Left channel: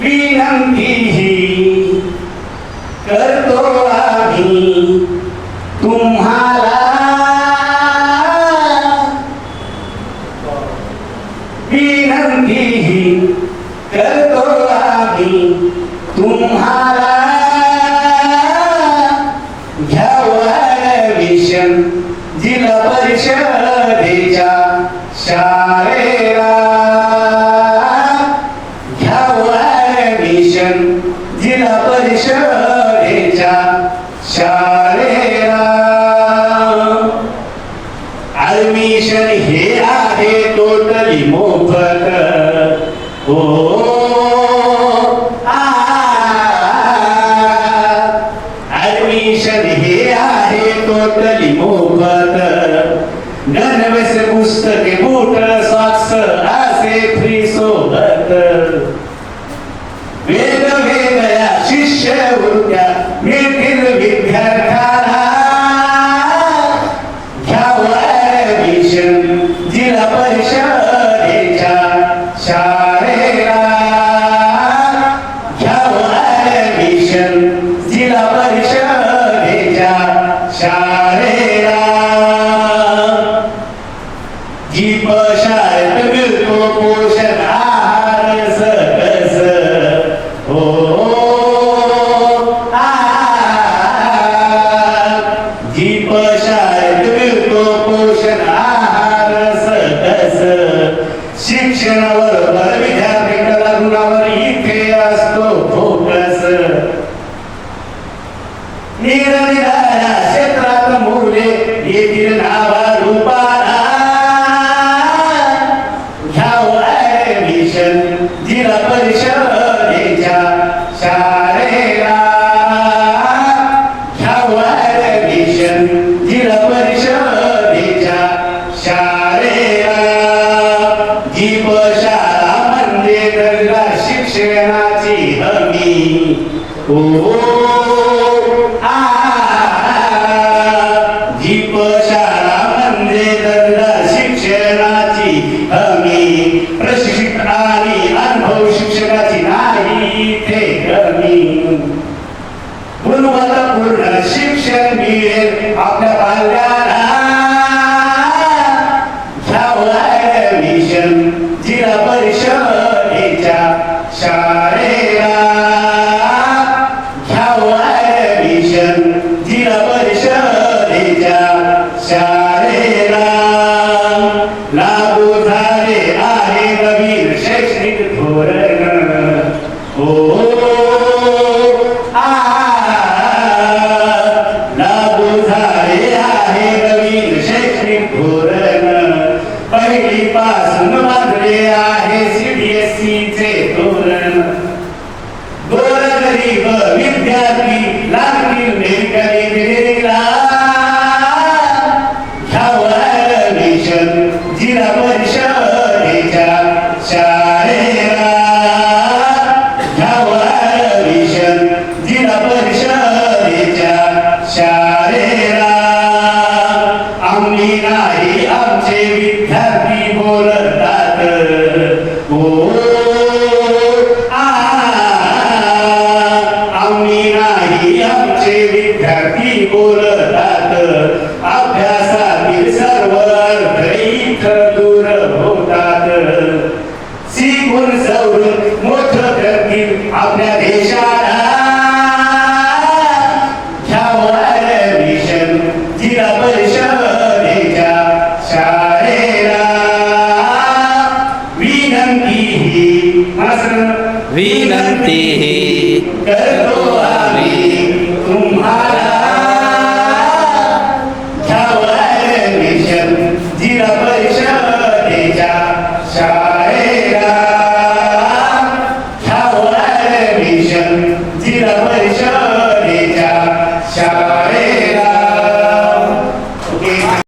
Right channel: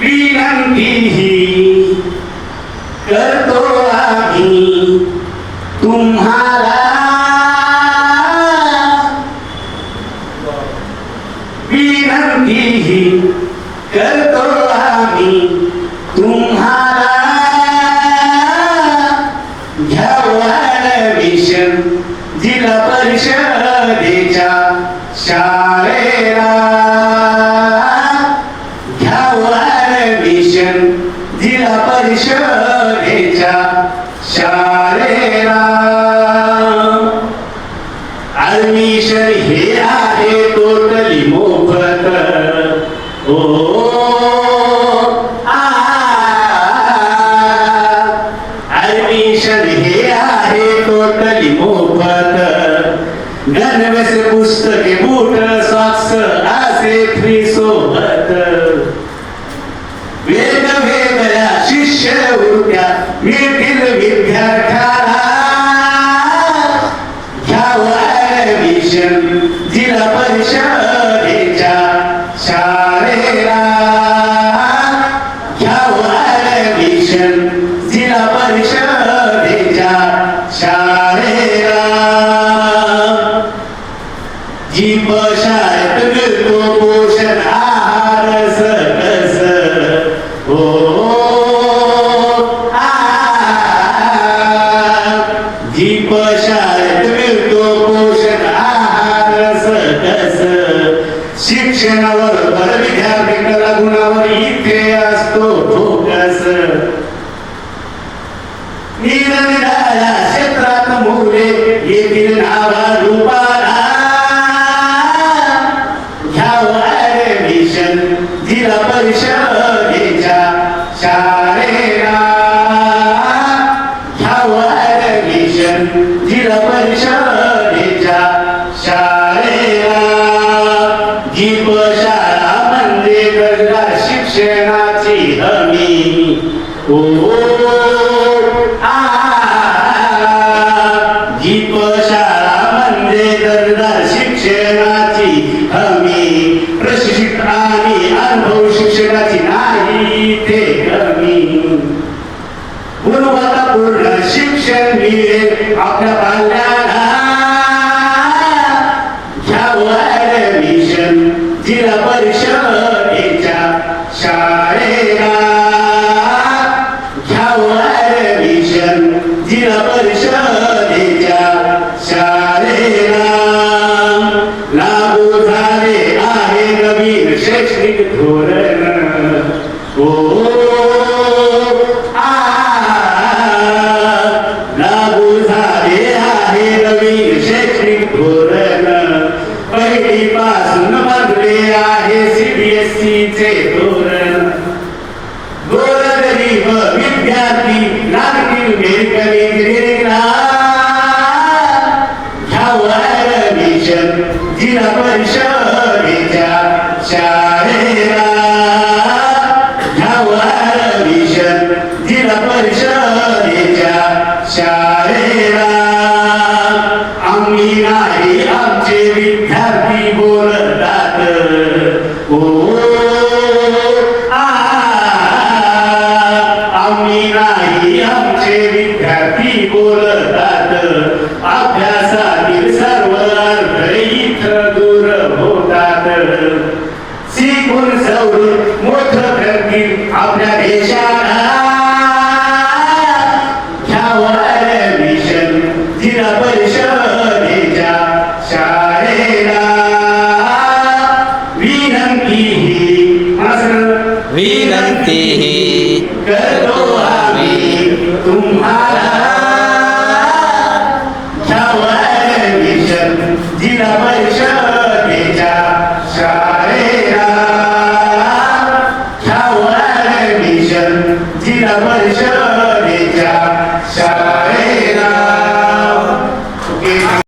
विनंती ही करतो आम्ही तुम्हाला, विनंती ही करतो आम्ही तुम्हाला, घ्यावं ऍडमिशन जिल्हा परिषदेच्या शाळेला, घ्यावं ऍडमिशन जिल्हा परिषदेच्या शाळेला. ऍडमिशन हे आहे टोटली मोफत. ऍडमिशन हे आहे टोटली मोफत. नवस पुस्तके बूट सॉक्स असे फ्री सोबत. वेगवेगळ्या शिष्यवृत्त्या मिळतील विद्यार्थ्याला, घ्यावं ऍडमिशन जिल्हा परिषदेच्या शाळेला, घ्यावं ऍडमिशन जिल्हा परिषदेच्या शाळेला. जीप शाळेत मिळतो पोषण आहार सकस. जीप शाळेत मिळतो पोषण आहार सकस. शिक्षणावर विद्यार्थी गुणावर इथे असतो फोकस. निरनिराळ्या क्षेत्रात मुले येतील नावारूपाला, घ्यावं ऍडमिशन जिल्हा परिषदेच्या शाळेला, घ्यावं ऍडमिशन जिल्हा परिषदेच्या शाळेला. जीप शाळा म्हणजे दर्जा शिक्षणाची हमी. जीप शाळा म्हणजे दर्जा शिक्षणाची हमी. प्रशिक्षित आणि अनुभव शिक्षकाची नाही ते कमी. गुणवत्तापूर्ण शिक्षण मिळेल आपल्या बालकाला, घ्यावं ऍडमिशन जिल्हा परिषदेच्या शाळेला, घ्यावं ऍडमिशन जिल्हा परिषदेच्या शाळेला. लागू झाले आहे नवीन शैक्षणिक धोरण. लागू झाले आहे नवीन शैक्षणिक धोरण. पहिलीपासून बांधले आहे CBSE धोरण. गोरगरीब विद्यार्थी लागतील मेडिकल इंजिनिअरिंगला, घ्यावं ऍडमिशन जिल्हा परिषदेच्या शाळेला, घ्यावं ऍडमिशन जिल्हा परिषदेच्या शाळेला. आम्ही नाही आमचे विद्यार्थी बोलतात. आम्ही नाही आमचे विद्यार्थी बोलतात. अभ्यासातील सर्व अर्थ इथं दूर होतात. शिकून सवरून मोठं करतील आपल्या